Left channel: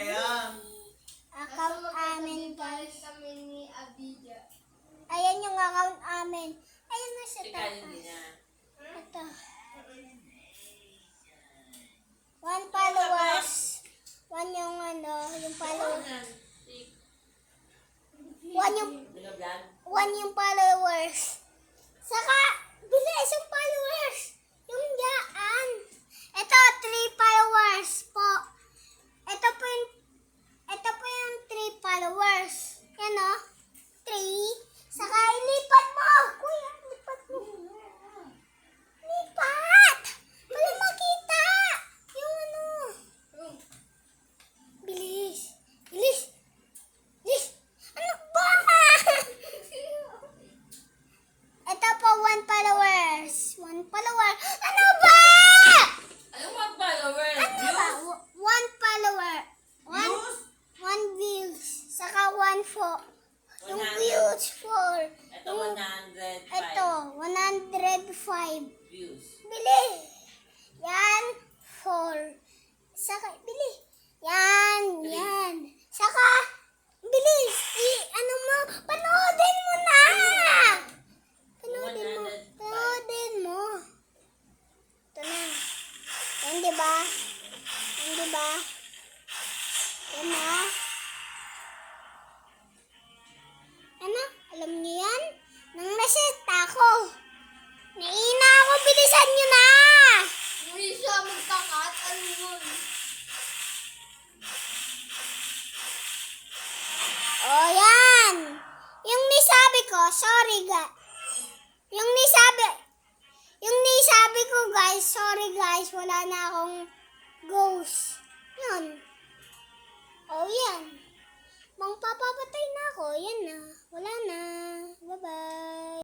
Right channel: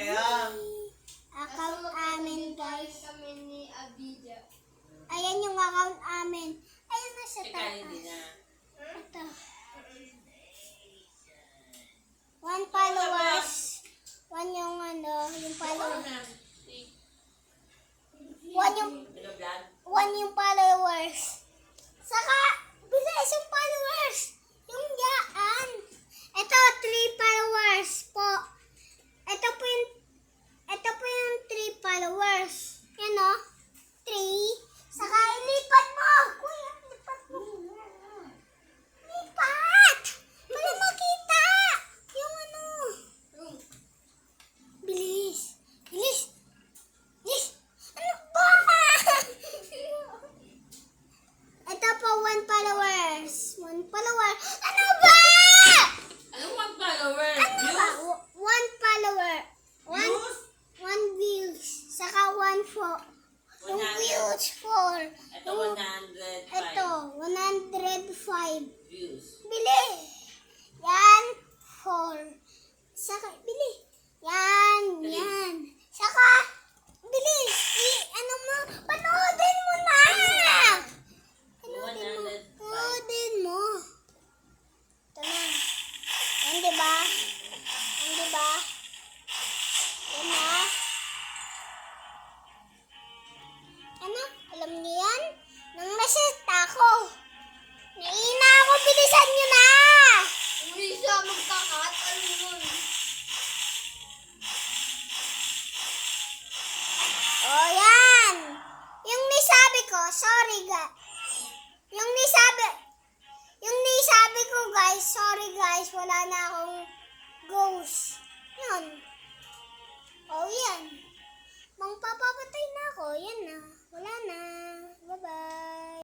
kayo. Account amin, guys. Kami ni Abida. Ayan yung account amin. Ayan na sa Ikaw hindi taas. na. Ito. 1 followers. 1 yung yung followers. 1 yung followers. Saka, bilis yung followers. Yung yaan. Ito, 3 followers po. Ito po yung 3 followers. Yan o. 3. Saka, ilipat mo. Kuya, lipat mo. Lipat! Wala makita. Yung Bilis. Bilis. Bilis. Ano ba? Ito po, 1 followers. 1 follower. Ano ba? Anong mag-follower? Ano ba? 1 follower. 1 views. Saka 1 for. Yung 100. views for. Ito 105 Ito, 105. views. Bili. Yan. 4. Saka, bili. Yan. Yan. Saka, bilis. Ano mo? Panoodin mo na. Panoodin mo. 105. Panoodin mo. Ito na. Yan, diba? Yan, diba? Yan na. Ano? Alam niyo yan? Nang nasita ako. Naina ako. Bilisan niyo na. Hindi siya magkakat. Ano yun? Oh, yan. Yung nisabi ko, sorry Yung nisabi ko guys, sorry guys, wala na akong ghost. Yun. Oh, yan. Mangpapapatay na ako, yan na. Wala na.